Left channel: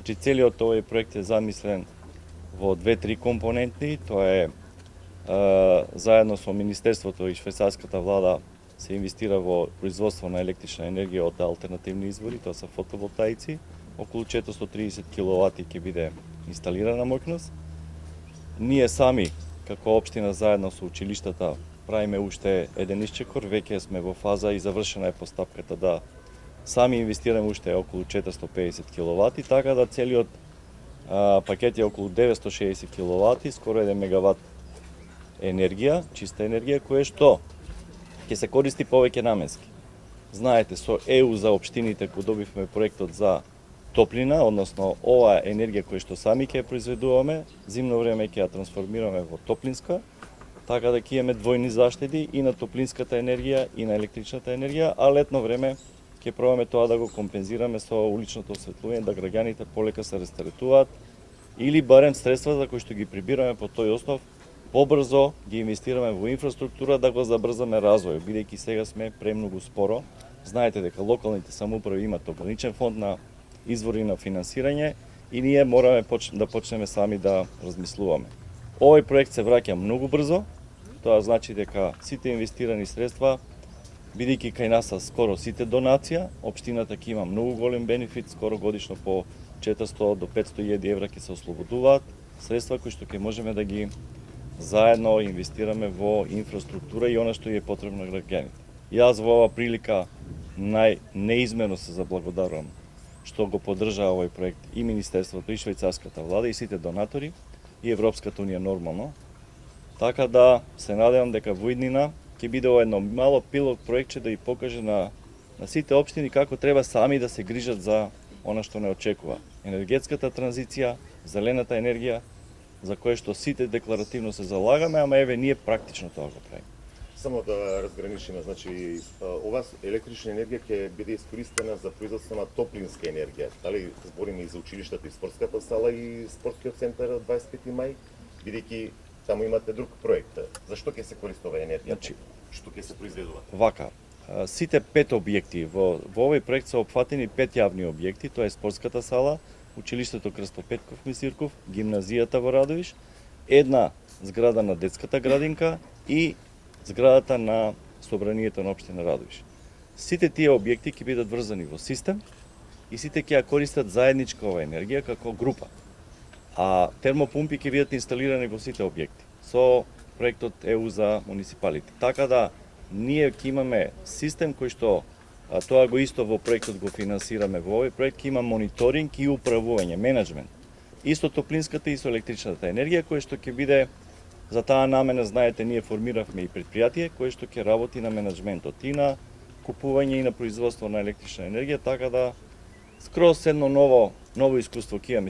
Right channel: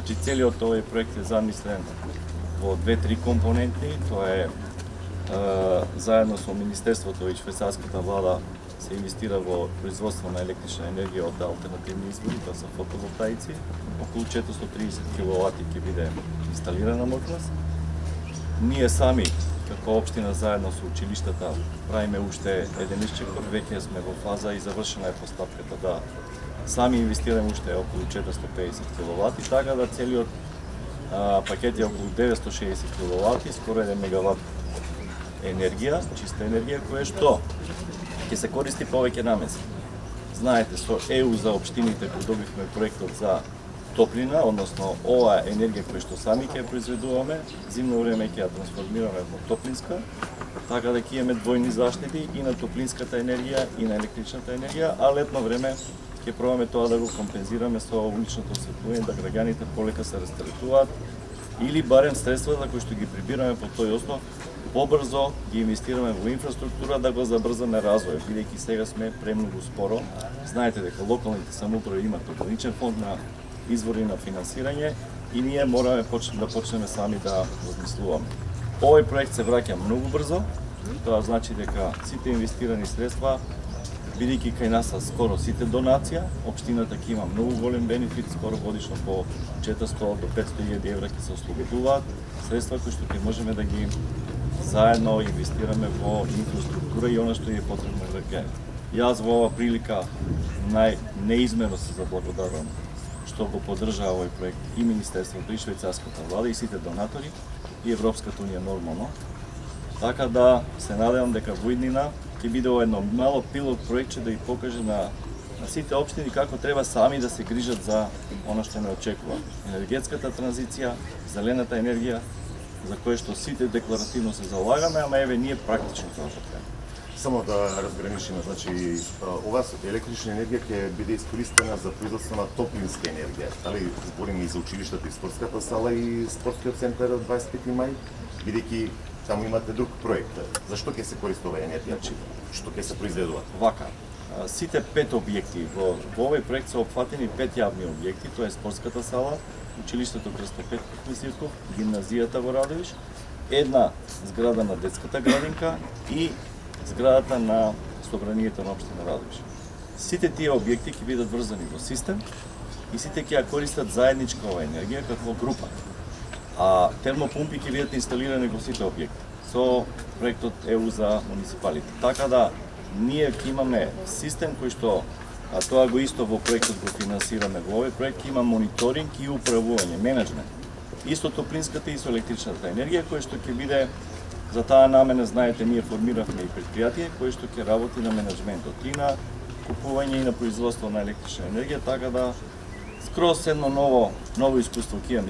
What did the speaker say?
Значи целиот овој проект е замислен во 2-3 компоненти. Тоа е заедно со Министерството и швајцарската влада се инвестира во производство на електрична енергија од алтернативни извори, тоа се фотоволтаици. Околу 430 киловати ќе биде инсталирана мощност. Ние сами, како општина, заедно со училиштата, правиме уште еден исчекор, веќе сме во фаза и завршена е постапката да сами инвестираме уште околу 450 киловати, така да целиот пакет е околу 960 киловати, скоро 1 мегават енергија, чиста енергија, која што ќе се користи повеќе намеси. Знаете, со ЕУ за општините подобивме проектот за топлина, односно оваа енергија која што сами ќе произведуваме, зимно време ќе ја трансформираме во топлинска, така да ќе имаме двојни заштети и на топлинската енергија и на електричната енергија, а летно време ќе пробаме тоа да го компензираме со уличното осветлување, да граѓаните полека се растаретуваат или барем средствата кои што ги прибираме по тој основ побрзо ги инвестираме во инфраструктура да го забрзаме развој, бидејќи сега сме премногу споро. Знаете дека локалните самоуправи имаат ограничен фонд на извори на финансирање и ние мораме да почнеме сами да размислуваме. Овој проект се враќа многу брзо, тоа значи дека сите инвестирани средства, бидејќи кај нас са скоро сите донација, општината ќе има многу голем бенефит, скоро годишно по 400 до 500.000 евра ќе се ослободуваат, средства кои што ќе можеме да ги заедно инвестираме во инфраструктура и она што е потребно на граѓаните. Јас во оваа прилика неизмено се заблагодарувам што го поддржаа овој проект и Министерството и швајцарската влада и сите донатори и Европската унија нормално. Така да се надевам дека во иднина ќе биде едно мало пилот проектче да и покаже на сите општини како треба сами да се грижат за она што не очекува. Енергетската транзиција, зелената енергија, за кој што сите декларативно се залагаме, ама еве ние практично тоа го правиме. Само да разграничиме, значи оваа електрична енергија ќе биде искористена за производство на топлинска енергија. Дали збориме и за училиштата и спортската сала и спортскиот центар 25 мај, бидејќи таму имате друг проект. Зашто ќе се користи оваа енергија? Што ќе се произведува? Вака, сите 5 објекти во овој проект се опфатени 5 јавни објекти, тоа е спортската сала, училиштето Крсто Петко Книсирков, гимназијата во Радовиш, една зграда на детската градинка и зградата на собранието на општина Радовиш. Сите тие објекти ќе бидат врзани во систем и сите ќе ја користат заедничка оваа енергија како група. А термопумпи ќе бидат инсталирани во сите објекти со проектот ЕУ за муниципалите. Така да ние ќе имаме систем кој што тоа го исто во проектот го финансираме. Во овој проект има мониторинг и управување, менеджмент. Исто топлинската и со електричната енергија, кој што ќе биде за таа намена, знаете, ние формиравме и предпријатие кој што ќе работи на менеджментот и на купување и на производство на електрична енергија, така да скроз едно ново искуство ќе имаме.